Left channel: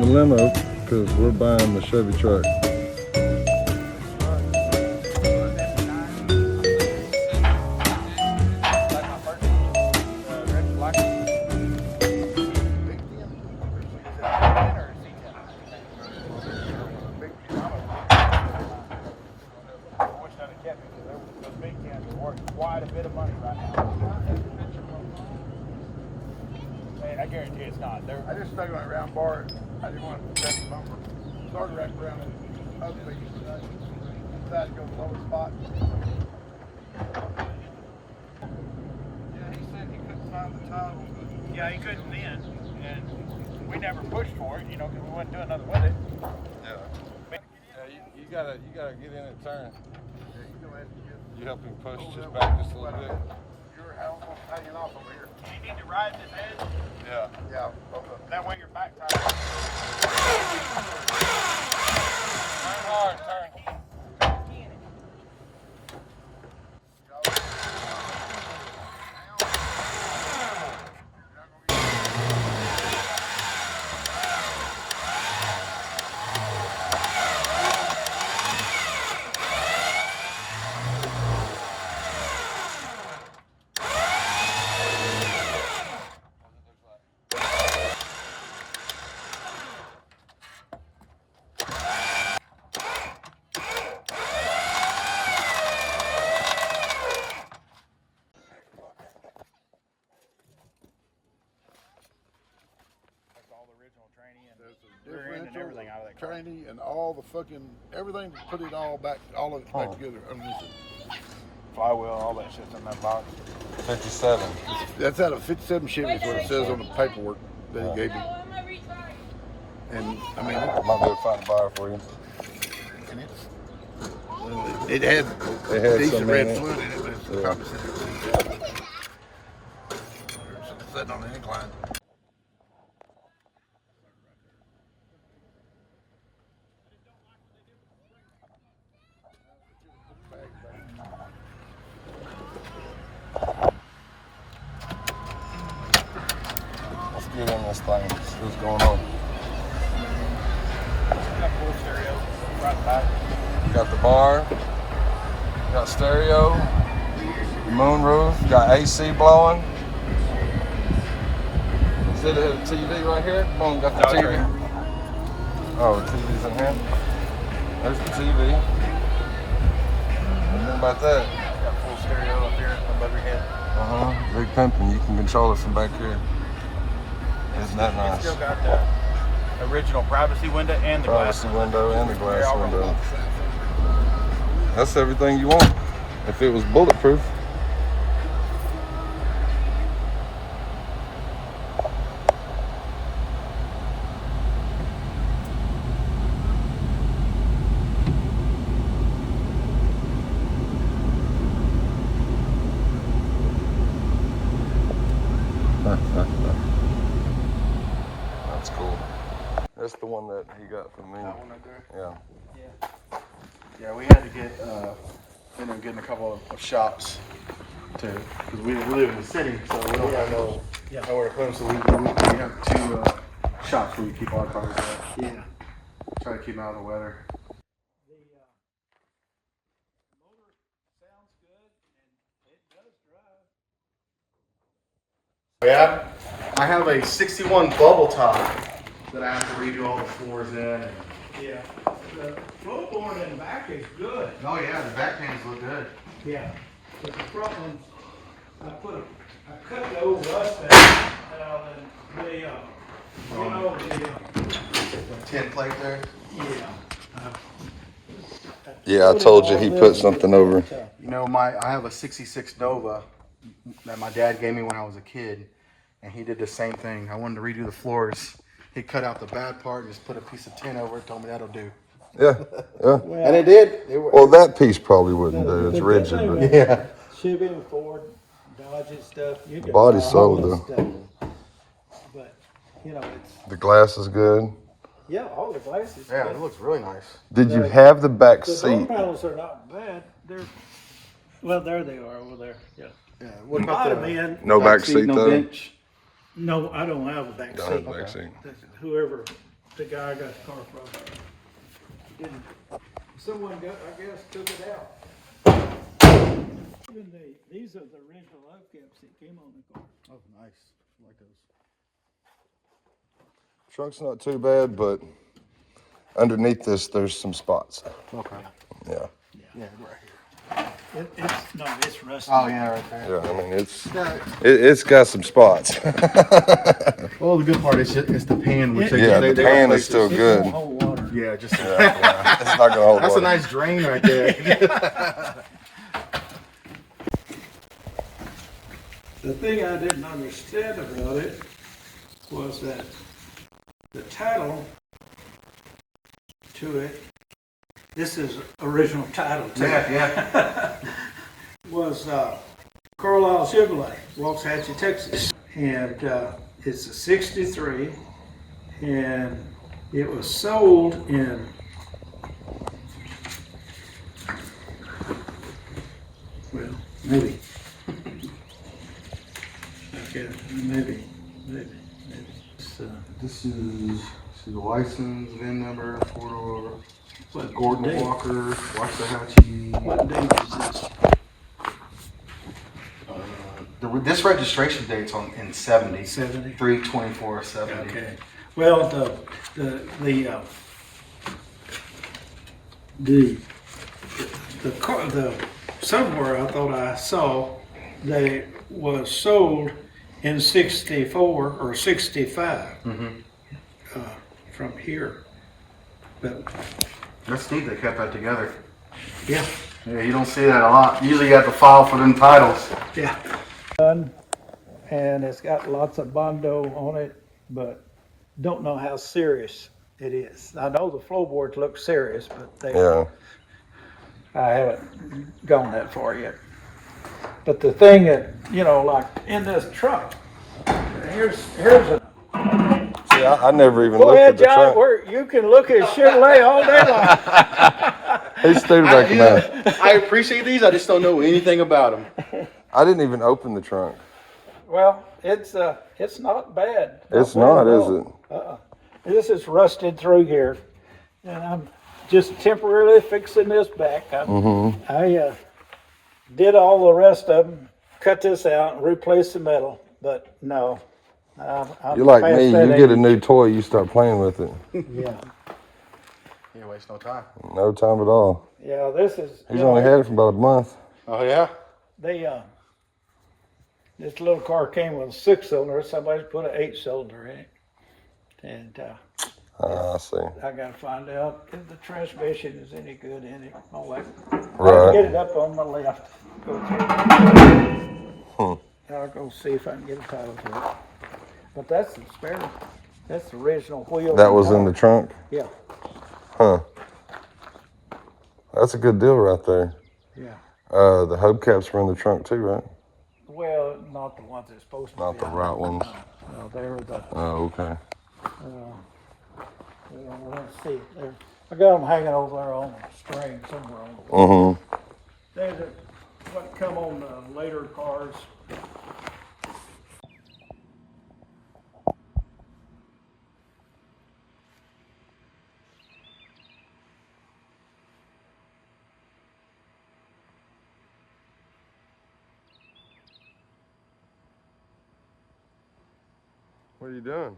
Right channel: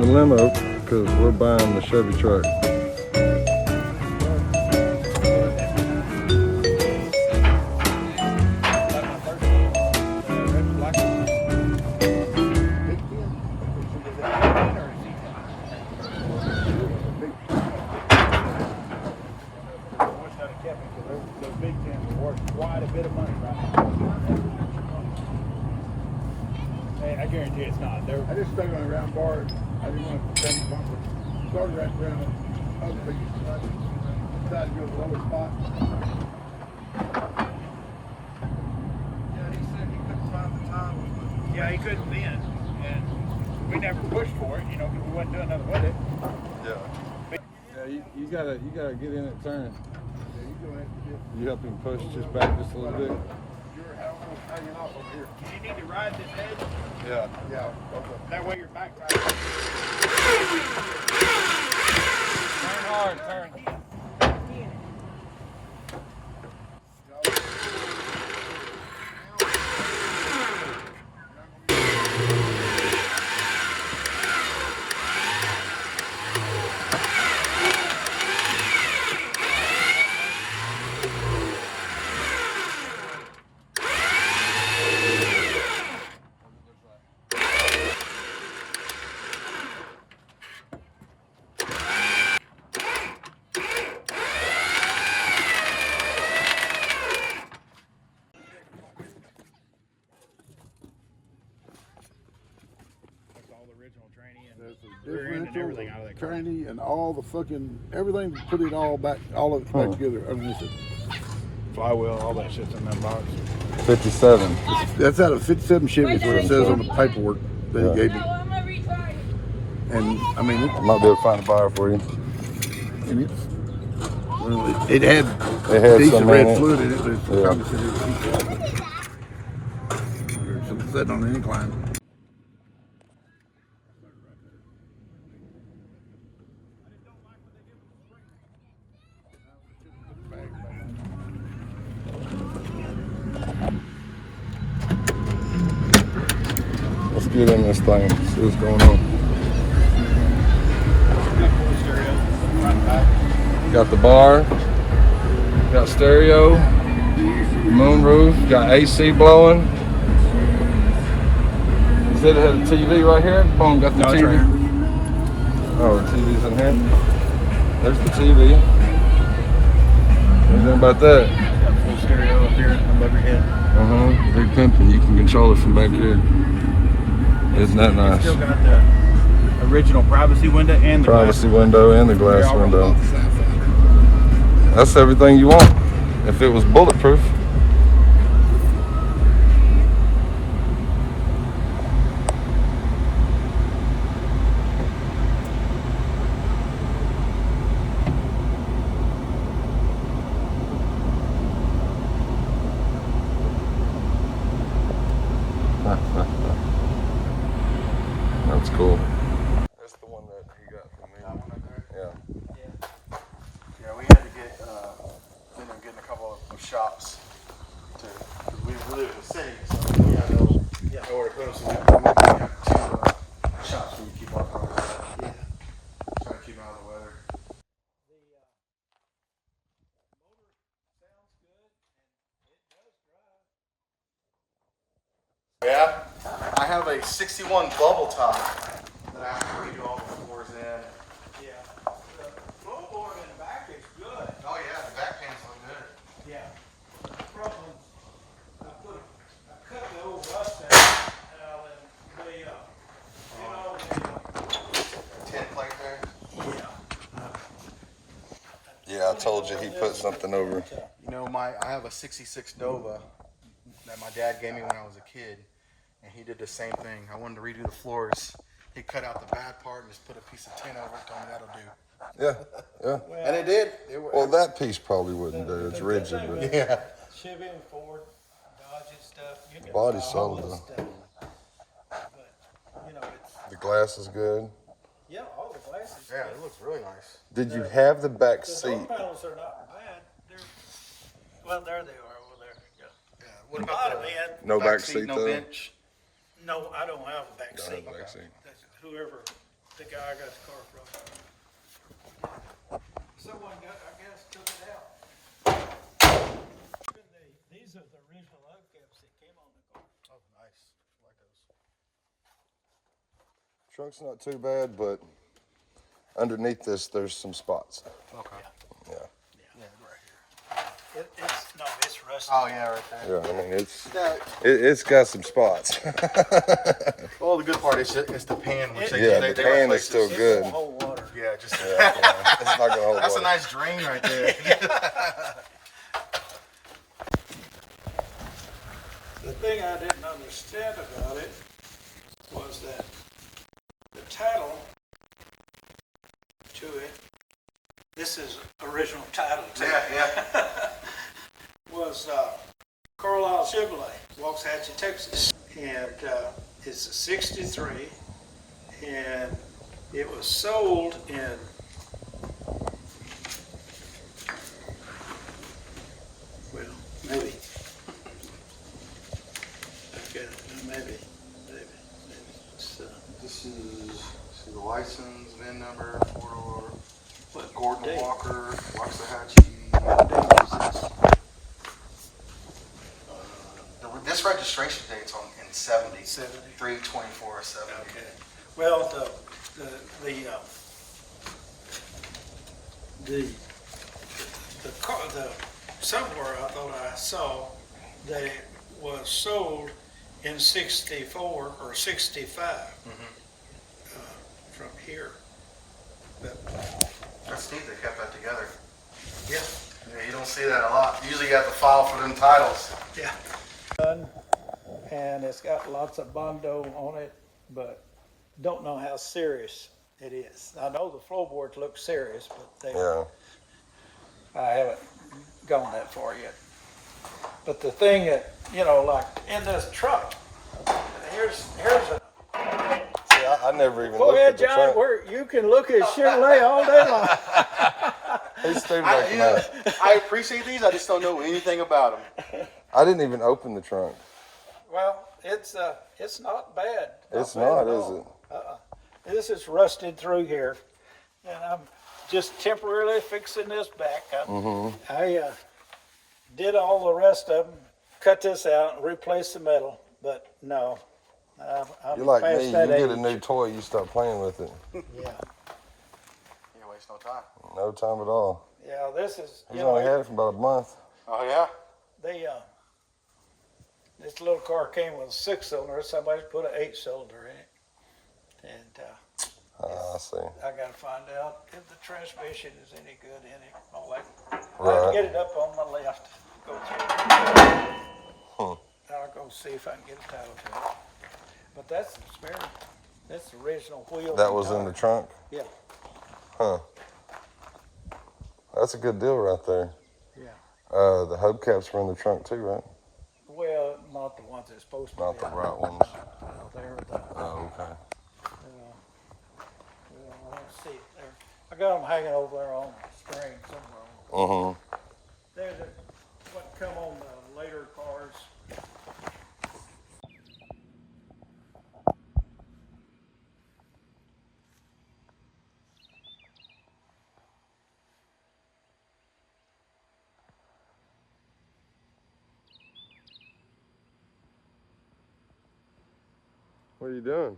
in the limo because we're buying the Chevy truck. I guarantee it's not. I just stuck it on a round bar. I didn't want to bend the bumper. Started right around the other big. I decided to go to the lower spot. Yeah, he said he couldn't find the title, but yeah, he couldn't bend, and we never pushed for it, you know, because we wasn't doing nothing with it. Yeah. Yeah, you gotta get in it, turn. Yeah, you go ahead and get. You help him push just back just a little bit. You're almost hanging off over here. Do you need to ride this edge? Yeah. Yeah. That way your back tire. Turn hard, turn. Training and all the fucking everything to put it all back, all of it back together underneath it. Flywheel, all that shit's in that box. 57. That's out of 57 Chevy, is what it says on the paperwork that he gave me. And I mean, I might be able to find a buyer for you. And it had decent red fluid in it, but it's probably said it was heat. There's some sitting on the incline. Let's get in this thing, see what's going on. Got the bar, got stereo, moonroof, got AC blowing. You said it had a TV right here? Boom, got the TV. Right. Oh, the TV's in here. There's the TV. What do you think about that? Got full stereo up here above your head. Big pimpin'. You can control it from back here. Isn't that nice? Still got the original privacy window and the Privacy window and the glass window. That's everything you want. If it was bulletproof. That's cool. That's the one that he got from me. That one right there? Yeah. Yeah, we had to get in a couple of shops because we live in the city, so we don't have nowhere to put them. So we have two shops where we keep our cars at. Yeah. Try to keep them out of the weather. Yeah, I have a 61 bubble top that I have to redo all the floors in. Yeah, the floorboard in the back is good. Oh yeah, the back panels look good. Yeah, but the front ones, I cut the old rust out, and The tin plate there. Yeah, I told you he put something over. You know, I have a 66 Nova that my dad gave me when I was a kid, and he did the same thing. I wanted to redo the floors. He cut out the bad part and just put a piece of tin over it, told me that'll do. Yeah, yeah. And it did. Well, that piece probably wouldn't do. It's rigid. But Yeah. Chevy and Ford, Dodge and stuff. You can Body's buy all solid, this though. stuff. But, you know, it's, the glass is good. yeah, all the glasses. Yeah, it looks really nice. Did you have the back The door seat? panels are not bad. Well, there they are over there. Yeah. Yeah. What Might about have been. No back seat no though. bench? No, I don't have a back Don't have seat. a back seat. Whoever the guy I got the car from. And someone got, I guess, took it out. Even these are the original hubcaps that came on the car. Oh, nice. I like those. Trunk's not too bad, but underneath this, there's some spots. Okay. Yeah. Yeah, right here. It's rusty. Oh, yeah, right there. I mean, it's got some spots. Well, the good part is it's the pan, which Yeah, the pan is replace still this. good. Hold water. Yeah, just It's not gonna hold that's a water. nice drain right there. The thing I didn't understand about it was that the title to it, this is original title to it, yeah. was Carlisle Chevrolet, Waxahachie, Texas. And it's a 63, and it was sold in well, maybe. Okay, maybe. So, This is see the license, VIN number, four-door, what Gordon date? Walker, Waxahachie. What date is this? This registration date's in 70. 70? 3/24/70. Okay. Well, the somewhere I thought I saw that it was sold in 64 or 65 from here. But That's neat they kept that together. yeah, Yeah, you don't see that a lot. Usually you have to file for them titles. yeah. And it's got lots of Bondo on it, but don't know how serious it is. I know the floorboards look serious, but Yeah. I haven't gone that far yet. But the thing that, like in this truck, here's a. See, I never even Go looked ahead, at the John, trunk. you can look at Chevrolet all day long. He's through back now. I appreciate these. I just don't know anything about them. I didn't even open the trunk. Well, it's not bad. It's bad not, at is all. it? This is rusted through here, and I'm just temporarily fixing this back. I did all the rest of them, cut this out, and replace the metal, but no. I'm You're like past me. that You get a age. new toy, you start playing with it. Yeah, You waste no time. No time at all. yeah. This is. He's only had it for about a month. Oh yeah. This little car came with a 6-cylinder. Somebody put an 8-cylinder in it, and I see. I got to find out if the transmission is any good in it. All that. I Right. can get it up on my left. Go through. I'll go see if I can get a title to it. But that's the spare. That's the original wheel. That was in the trunk? Yeah. Huh. That's a good deal right there. Yeah. The hubcaps were in the trunk too, right? Well, not the ones that's supposed to Not be. the right ones. They're the. Oh, okay. Well, let's see. I got them hanging over there on a string somewhere. Mm-hmm. They're what come on the later cars. What are you doing?